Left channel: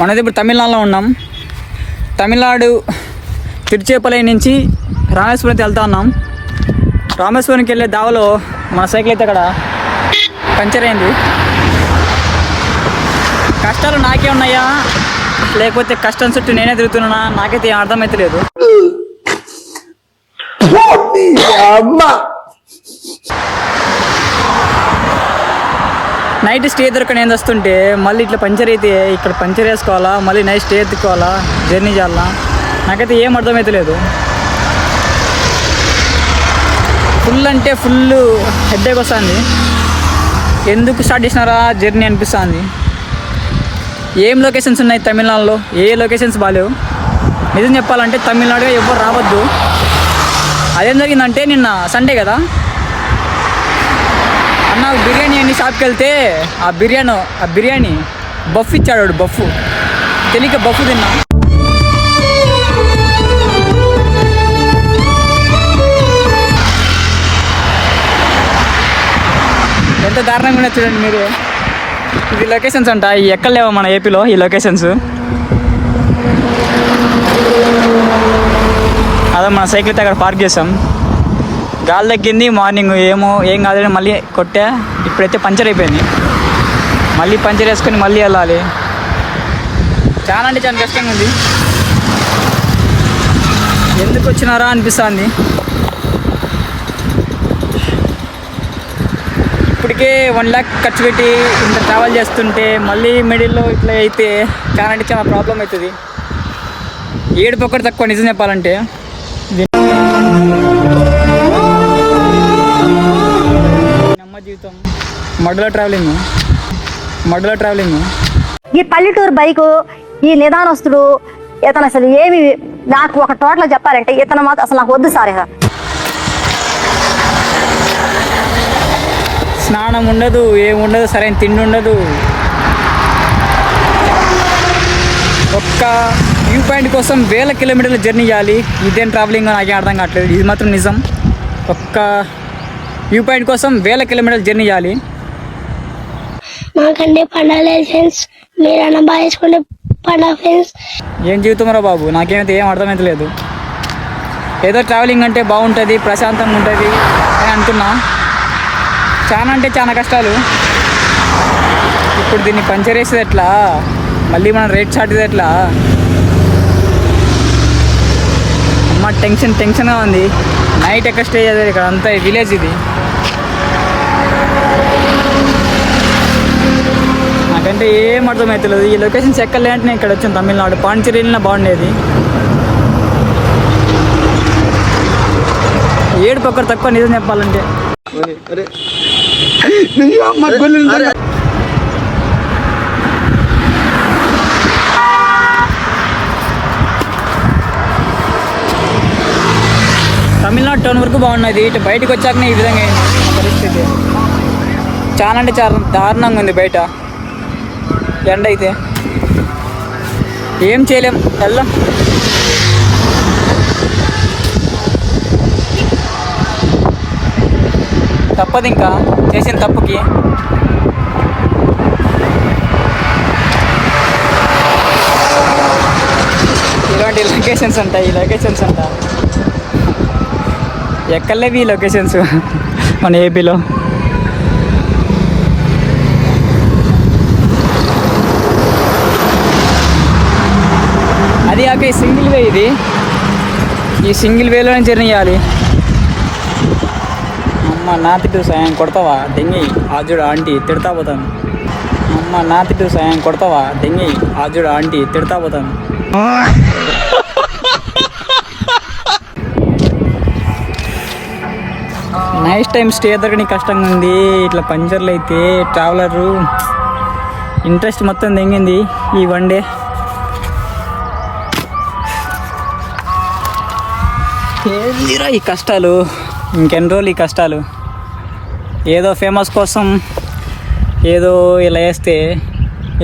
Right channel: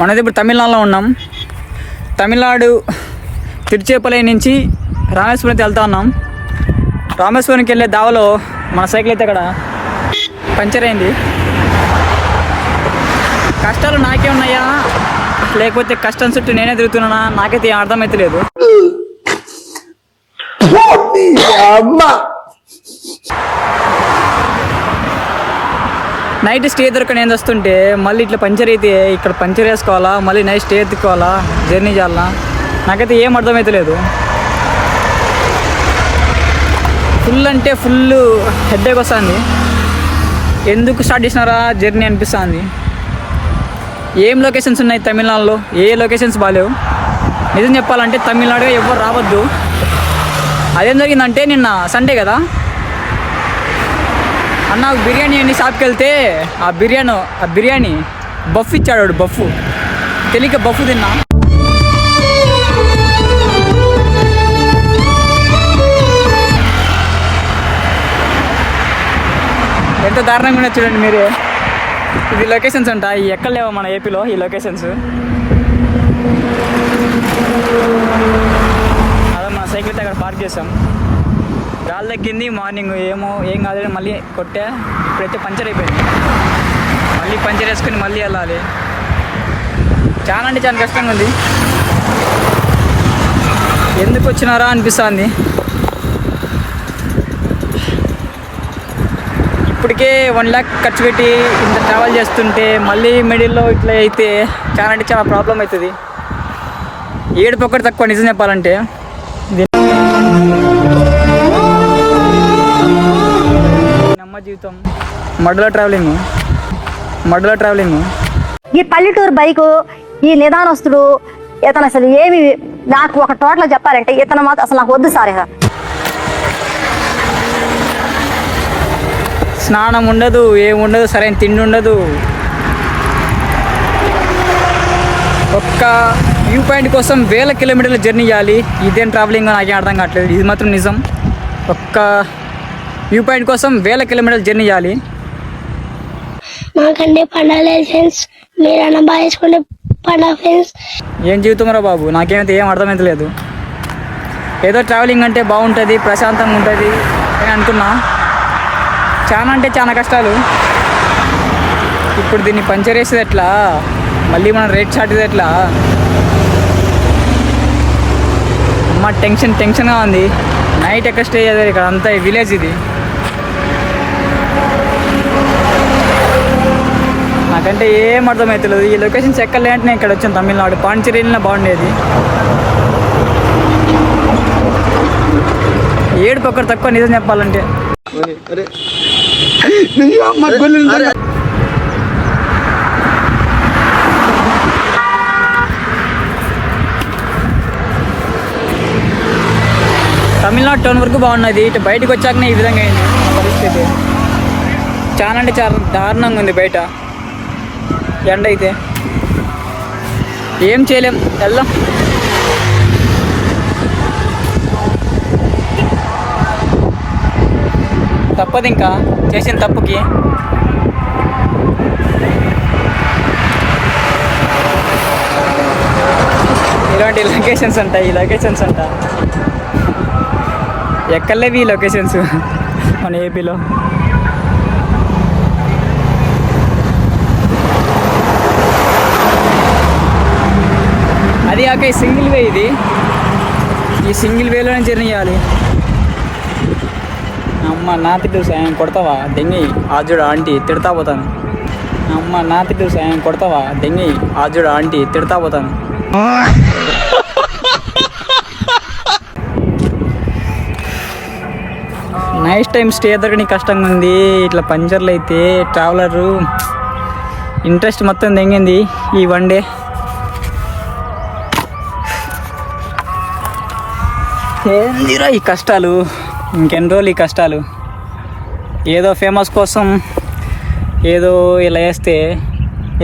మనది ఇప్పుడు తమిళనాడులో ఉన్నాం. తమిళనాడు తిరుచేపల్లి నుంచి రామేశ్వరం వెళ్తా ఉన్నాం. రామేశ్వరంకి వెళ్ళే దావలో మన సైకిల్ అయితే అక్కడ పంచర్ అయింది. కష్టాలు నాకే ఉన్నాయా లేకపోతే కష్టం చుట్టూ నేనే తిరుగుతున్నానా నాకైతే ఏం అర్థమైతే లేదు. నైట్ స్టే దొరకని ఏం వస్తుంటే మళ్ళీ ఇట్లా పంచర్ అయితే ఇక్కడ పంచర్ వేసుకోవాలా, మళ్ళీ నైట్ స్టే ఎత్తుకోవాలా, జర్నీ చేయాలా, నాకైతే ఏం అర్థమైతే లేదు. ఫుల్ అంటే ఫుల్ హెడ్ఏక్ వస్తుంది. ఎందుకు స్టార్ట్ చేసినారా జర్నీ అనిపిస్తుంది. ఏం లొకేషన్స్ ఉన్నాయి తమిళనాడులో, ఏ లొకేషన్స్ బాగాలేవు. నిజం చెప్పాలంటే తమిళనాడుగా ఎవరు రావద్దు. అదేం జరిగిందంటే నిన్న సండే కదా అన్న బిర్యానీ అన్ని షాప్కి వెళ్తే ఆ బిర్యానీ బఫ్ ఇచ్చాడు. బఫ్ తెలియక బఫ్ తిన్నా. ఎంత దారుణంగా ఉన్నది చూడండి మీరే. ఇది లొకేషన్స్ ఉంటాయి, ఎక్కడ లేవు మన ఏపీలో ఈ లొకేషన్స్. అదే మన సైకిల్ అక్కడ పార్క్ చేసాం. గాలి తగ్గింది, మార్నింగ్ ఏం కాదని మళ్ళీ కొట్టా. ఇప్పుడైతే పంచర్ అయిపోయింది. మళ్ళీ పంచర్ వేసుకొని మళ్ళీ వెళ్ళాలి. చాలా అంటే చాలా కష్టంగా ఉంది. ఎందుకు వచ్చినారా అనిపిస్తుంది. ఇప్పటికే 1 lakh ఖర్చు పెట్టి ఇంత ట్రావెల్ చేస్తుంటే మళ్ళీ మిడిల్లో ఇట్లా అయితే చాలా అంటే చాలా ప్రాబ్లం అవుతుంది. ఏడుపు ఒక్కటి తక్కువ నిజం చెప్పాలంటే. అమ్మ జీవితం మడ్డలో ట్రావెలింగ్. ఈ పల్లెటూరు బైకు ఈ నిదానస్తుడు ఇతను అసలు ఏమి నాకు ఒక టోటల్ చెప్పాలంటే ఇతను మాత్రం అసలు నాకు వద్దు సార్. స్నానం ఉండదు, ఏముండదు, సరైన తిండి ఉండదు. ఒక్క వ్యూ పాయింట్ కోసం 1000 కిలోమీటర్ల జర్నీ చేయాలి. ఇదేం ట్రావెలింగ్ నాకేం అర్థం కావట్లేదు. ఇది మాత్రం నిజం. ఒక్క వ్యూ పాయింట్ కోసం 1000 కిలోమీటర్ల జర్నీ చేయాలి. మాకంటే పండాలైసెన్స్ మీరన్నా బాగా వేసుకుంటే పండా ఫ్రెండ్స్. ఏం జీవితం రా బాబు, నాకేమైతే ఏం అర్థమైతే లేదు. ఏదో ట్రావెలింగ్ అంటే బాగుంటుంది, ప్రశాంతంగా ఉంటుంది అని అనుకున్నా. చాలా అంటే చాలా కష్టాలు. ఇప్పుడు దీన్ని పంచర్ వేసేది ఎట్లా, మళ్ళీ మనం రేట్ చాటేది ఎట్లా, అమ్మ టెన్షన్గా ఉంది. నైట్ ఎక్కడ స్టే చేయాలి, ఇక్కడ అంతా విలేజ్ ఇది. నాకంటే ఏం అర్థమవుతలేదు. ఈ లొకేషన్స్ ఎక్కలేంటే నేను ఇక్కడ వచ్చాను తమిళనాడు. పాండిచేరి వెళ్ళినా బాగుండేది. ఏడుపు ఒక్కరు తక్కువ నిజం చెప్పాలంటే. తమిళనాడు టౌన్ వరకు బాగున్నది. ఇటు బయటకు వచ్చాకనే ఈ విధంగా అయింది మన పరిస్థితి. చాలా అంటే చాలా దారుణంగా ఉంది బయట. ఎండ అయితే ఏం చేయలేం, వెళ్దాం. తప్పదు ఇంకా చేసిన తప్పుకి. ఇలాంటి లొకేషన్స్ అంట, ఎక్కర్లేవి ఈ లొకేషన్స్ మన ఏపీలో. అది కాక ఈ సింగిల్ వే, ఈ సింగిల్ వేలోనే జర్నీ చేయాలి. అమ్మ నాతిడు సాయం కొడతావా దెంగి ఆజుడు ఆంటీ తిడతా పోతాను. అమ్మ నాతిడు సాయం కొడతావా దెంగి ఆజుడు ఆంటీ తిడతా పోతాను. నైట్ టైం స్టే దొరకని కష్టంగా ఉంది. ఇట్లా పంచర్లు అయితే ట్రావెలరు ఇంట్రెస్ట్ మొత్తం తెంగింది ఈ 1 day. ఏందిరా ఈ కష్టాలు, ఇంకెన్ని రోజులు ఈ కష్టాలు. ఏదో ఫేమస్ కోసం ఏదో ఇలా వేస్తే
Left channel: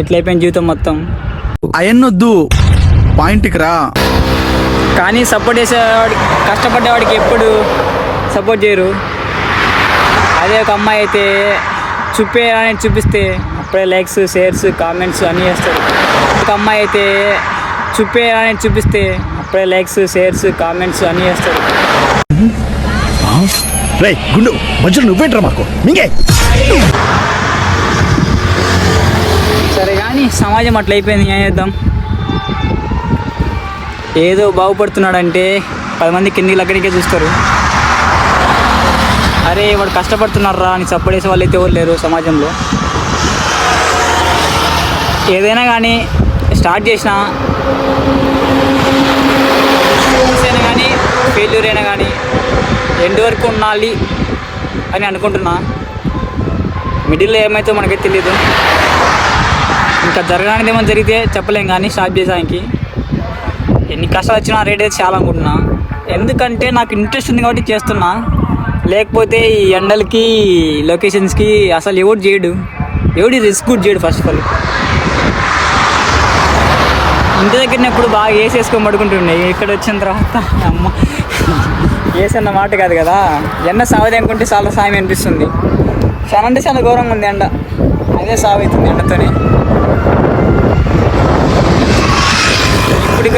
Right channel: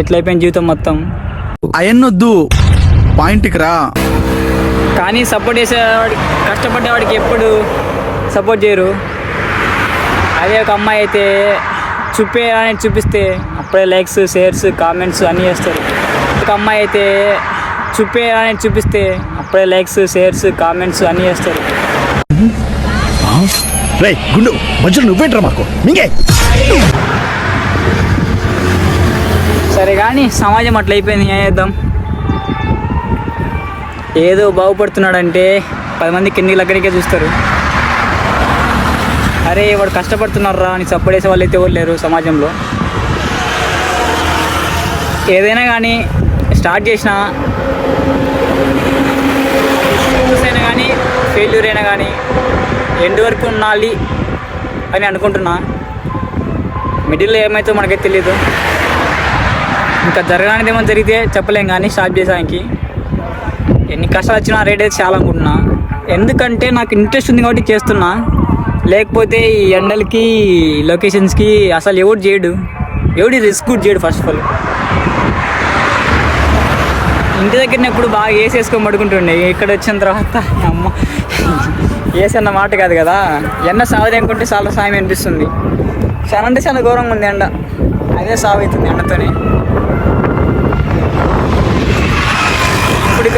ఎట్లయిపోయిన జీవితం మొత్తం. అయన్నొద్దు, పాయింట్కి రా. కానీ సపోర్ట్ చేసేవాడి, కష్టపడ్డేవాడికి ఎప్పుడు సపోర్ట్ చేయరు. అదే ఒక అమ్మాయి అయితే చూపిస్తే అప్పుడే లైక్స్, షేర్స్, కామెంట్స్ అన్నీ చేస్తారు. ఒక అమ్మాయి అయితే చూపేయాలని చూపిస్తే అప్పుడే లైక్స్, షేర్స్, కామెంట్స్ అన్నీ చేస్తారు. రే గుండు మధ్యలో నువ్వేంట్రా మాకు మింగే. సరే కానీ సమాజం అట్లా అయిపోయింది, ఏం చేద్దాం. ఏదో బాగుపడుతున్నాడంటే 10 మంది కింది దగ్గరికే చూస్తారు. అరే వాడు కష్టపడుతున్నారా అని సపోర్ట్ చేసే వాళ్ళు అయితే ఎవరు లేరు సమాజంలో. ఏదైనా కానీ స్టార్ట్ చేసినా సక్సెస్ అయినా కానీ ఫెయిల్యూర్ అయినా కానీ ఎండ్ వరకు ఉండాలి అని అనుకుంటున్నా. మిడిల్లో ఏమైతే మనకైతే తెలీదు. ఇంకా జరగడానికి ఏమైనా జరిగితే చెప్పలేం కానీ స్టార్ట్ చేసానికి ఎన్ని కష్టాలు వచ్చినా రేట్ అయితే చాలా అనుకుంటున్నా. ఎందుకంటే నాకు ఇంట్రెస్ట్ ఉంది కాబట్టి చేస్తున్నా. లేకపోతే ఈ ఎండలకి లొకేషన్స్కి అసలు ఎవడు చేయడు, ఎవడి రిస్క్ కూడా చేయడు. ఫస్ట్ ఆఫ్ ఆల్ ఇంటి దగ్గరనప్పుడు బాగా వేసేసుకొని పడుకుంటుండే. ఇక్కడ వచ్చిన తర్వాత అమ్మ వేసి అన్న మాట కాదు కదా, ఎండ సావది అనుకుంటే చాలా సాయం అనిపిస్తుంది. చాలా అంటే చాలా ఘోరంగా ఉంది ఎండ, అదే సాగు అవుతుంది ఎండతోనే. ఇప్పుడు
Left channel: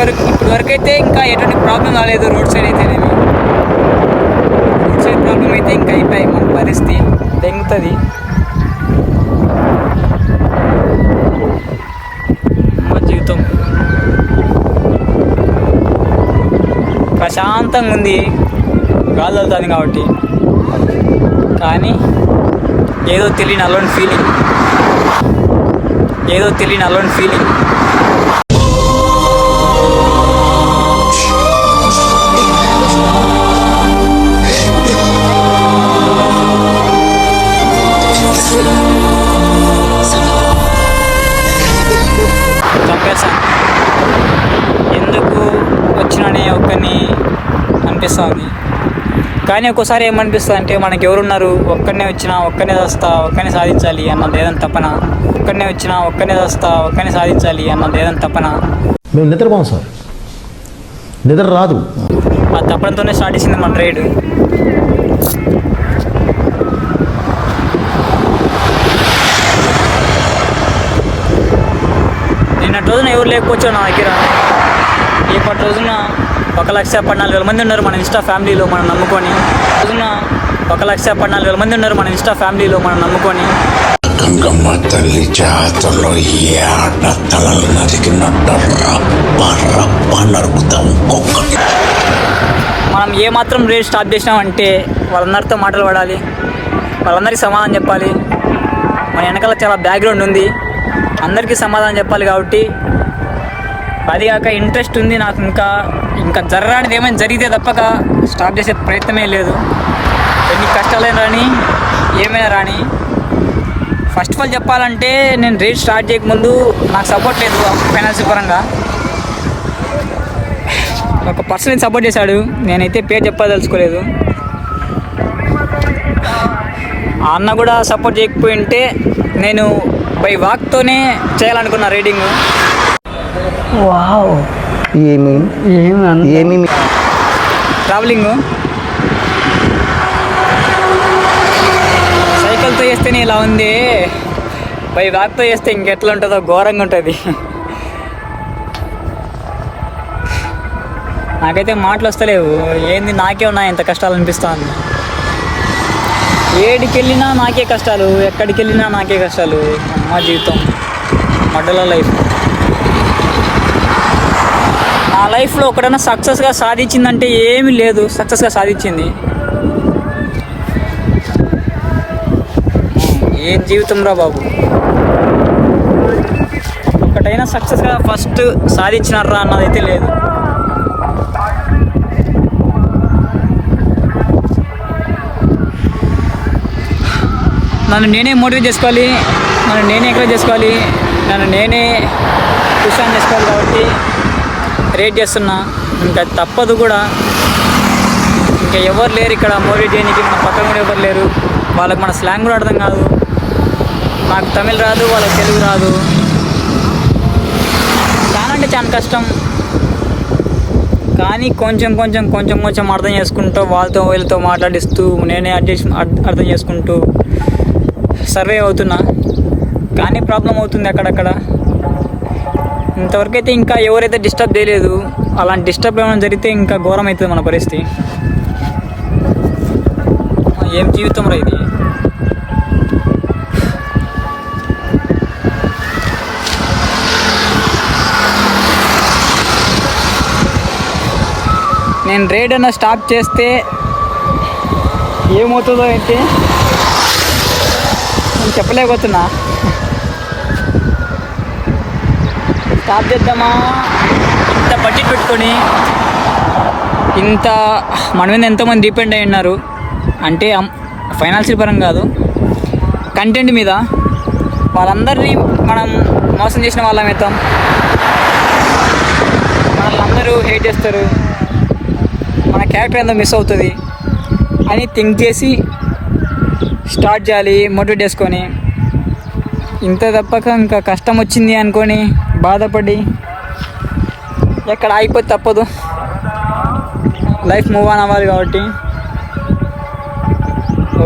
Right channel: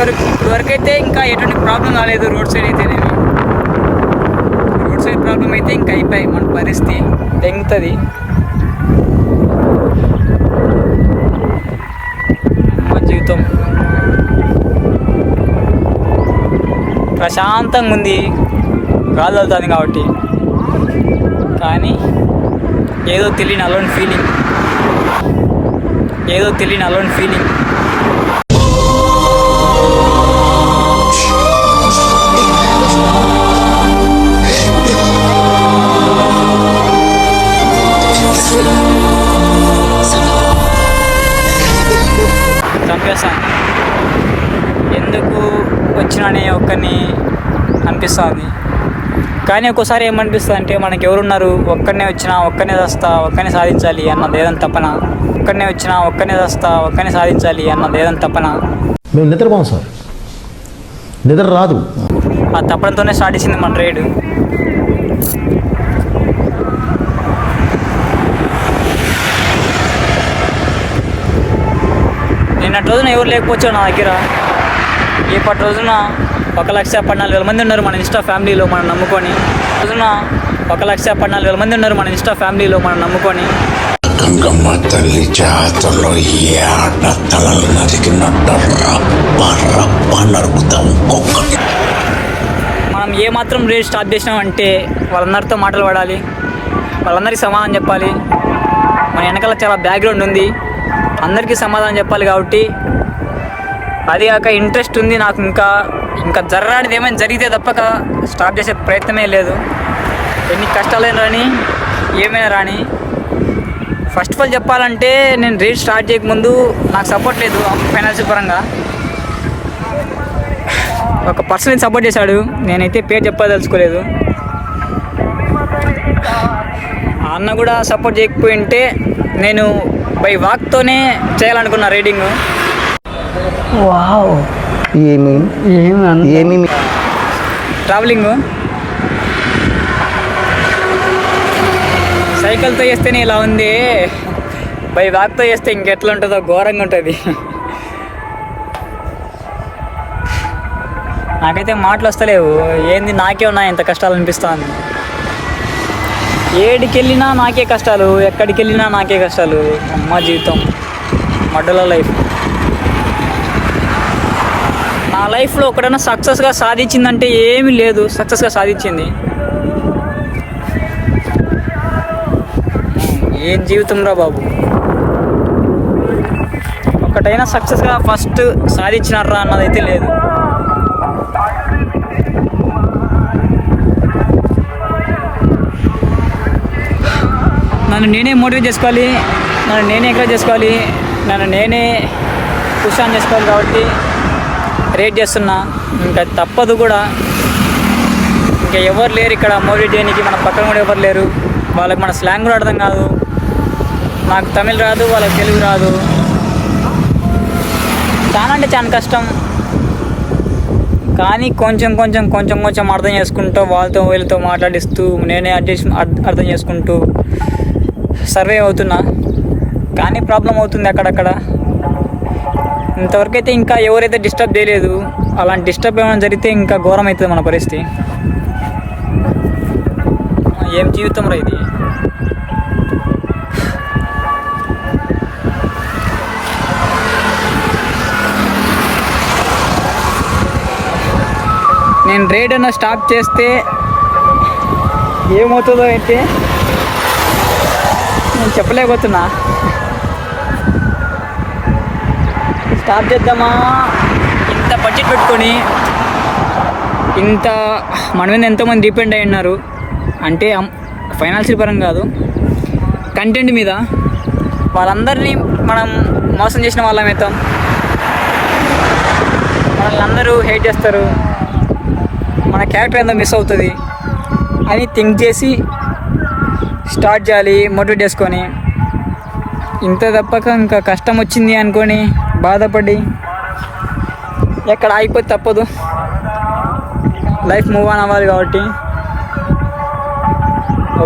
వరకు అయితే ఇంకా ఎటువంటి ప్రాబ్లం రాలేదు. రోడ్ సైడ్ అయితే రోడ్ సైడ్ ప్రాబ్లం అయితే ఇంకా అయిపోయి మన పరిస్థితి తెంగుతుంది. మా జీవితం ప్రశాంతంగా ఉంది, గాలి వెళ్తుంది కాబట్టి. కానీ ఏదో తెలియని అలోన్ ఫీలింగ్, ఏదో తెలియని అలోన్ ఫీలింగ్. చంపేస్తాను ఎందుకు వచ్చినానే ఒక్కరిని అనిపిస్తుంది. కానీ ఒక్కోసారి ఏమనిపిస్తుంది అంటే మనకి ఎవరున్నారు, ఒక్కరినే వచ్చినా ఒక్కరినే వస్తా, ఒక్కరినే సాధించాలి అన్నది ఏదైనా తపన. ఒక్కరినే వచ్చినా ఒక్కరినే వస్తా, ఒక్కరినే సాధించాలి అన్నది ఏదైనా తపన. మేము నిద్రపోం సార్, నిద్ర రాదు. ఆ తపనతోనే స్టార్ట్ చేసింది మన రైడ్. నిన్నటి రోజున ఎవరు లేకపోవచ్చు నా దగ్గర. ఇప్పటి రోజున 1,14,000 మంది ఉన్నారు మన ఇన్స్టా ఫ్యామిలీలో మనం నమ్ముకొని. రోజున 1,14,000 మంది ఉన్నారు మన ఇన్స్టా ఫ్యామిలీలో మనం నమ్ముకొని. గంగమ్మ తల్లి జాతరలో తలలు నరికినట్టు నరుకుతాం. మనం ఏమాత్రం రేట్ స్టార్ట్ చేసినామంటే వాళ్ళందరితో మాటలు పడాలి, వాళ్ళందరికీ సమాధానం చెప్పాలి. మన వెనకాల చాలా బ్యాక్గ్రౌండ్ ఉంది, అందరికీ సమాధానం చెప్పాలి. కాబట్టి అది కాక ఇంట్రెస్ట్ ఉంది నాకు. ఇంకా జరగడానికి ఏమైనా జరిగితే తప్పక స్టార్ట్ చేసే ప్రయత్నమే లేదు. ఎన్ని కష్టాలైనా రాని, ఏమైనా రాని. ఫస్ట్ ఆఫ్ ఆల్ చెప్పాలంటే నేను రేట్ స్టార్ట్ చేయకముందు నాకు సపోర్ట్ లేదు ఫైనాన్షియల్ పరంగా. ఒక పర్సన్ సపోర్ట్ చేశాడు, నేనైతే పేరు చెప్పదలుచుకోలేదు. ఆ అన్న కూడా సపోర్ట్ చేయకపోయి ఉంటే నేను బై వాక్తోనే చేయాలనుకున్నా రైడింగ్. ఏమి ట్రావెలింగ్ సైకిల్తో చేస్తేనే ఇలా ఉంది, బై వాక్తో చేస్తే ఇంకెట్లా ఉంటుందో ఘోరంగా ఉంటుంది. నాకైతే మాటలు వస్తలేవు. ఏంది నాకే ఉన్నాయి ఇంత కష్టాలు అనిపిస్తుంది. ఏడికి వెళ్ళినా నాకే కష్టాలు, ఎక్కడికి వెళ్ళినా నాకే కష్టాలు. అమ్మ జీవితం, మడ్డల లైఫ్. నా లైఫ్లో ఒకడైనా సక్సెస్గా సాధించిందంటే ఏమీ లేదు. సక్సెస్గా సాధించింది ఏం జీవితం రా బాబు. ఒకటైనా సక్సెస్గా ఫస్ట్ సాధించినారా అన్నదైతే లేదు. నన్ను నేనే మోటివేట్ చేసుకోవాలి, నన్ను నేనే ఎంకరేజ్ చేసుకోవాలి, నన్ను నేనే పుష్ ఆన్ చేసుకోవాలి. కాబట్టి రేట్ చేస్తున్నా. ఇంకా తప్పదు కూడా. ఇంకా ఎవరు లేరు ఇక్కడ మోటివేట్ చేయడానికి. మన పక్కన కూడా ఎవరు లేరు. వాళ్ళకి మన స్లాంగ్ కూడా అర్థం కాదు. నాకు తమిళ్ రాదు, వాళ్ళకి తెలుగు రాదు. చాలా అంటే చాలా కష్టం. కానీ కొంచెం అర్థం చేసుకుంటూ వాళ్ళతో వీళ్ళతో మాట్లాడిస్తూ నేనే అర్థం చేసుకుంటూ సర్వే అవుతున్నా. కానీ ప్రాబ్లం అవుతుంది అక్కడక్కడ. ఇంతవరకు అయితే ఇంకా ఎవరైతే డిస్టర్బ్ చేయలేదు. అలాంటి డిస్టర్బ్ ఏమైనా జరిగితే ఇంకా ఘోరం అవుతుంది మన పరిస్థితి. ఏం జీవితం రా ఇది. నేను రైడ్ అన్న స్టాప్ చేస్తే ఏమవుతుందో అయితే నేను చెప్పలేకపోతున్నా. స్టాప్ చేద్దామా, ఇంత బడ్జెట్ పెట్టుకొని ఇంత మన మీద ఎంతోమంది డిపెండ్ అయి ఉన్నారు అంటే ఫైనాన్షియల్ పరంగా కాదు, కంటెంట్ మీద. వాళ్ళందరినీ మనం మోసం చేసిన వాళ్ళం అవుతాం. వాళ్ళందరూ హేట్ చేస్తారు, మన క్యారెక్టర్ ఎంతో మిస్ అవుతుంది అని థింక్ చేసి స్టార్ట్ చేయాలి మోటివేట్ చేసుకొని. ఇంత తప్పక ఇంకా కష్టం వచ్చింది అనుకొని బాధపడి ఎక్కడ ఆగిపోతే తప్పదు. లైఫ్ మూవ్ ఆన్ అవ్వాలి కాబట్టి.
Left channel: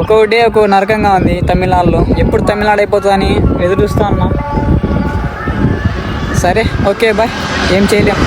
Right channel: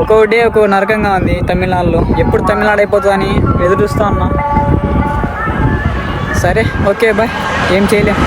ఒక్కో డే ఒక్కో నరకంగా ఉంది తమిళనాడులో. ఎప్పుడు తమిళనాడు అయిపోతుందని ఎదురు చూస్తూ ఉన్నా. సరే, ఓకే, బాయ్. ఏం చేయలేం.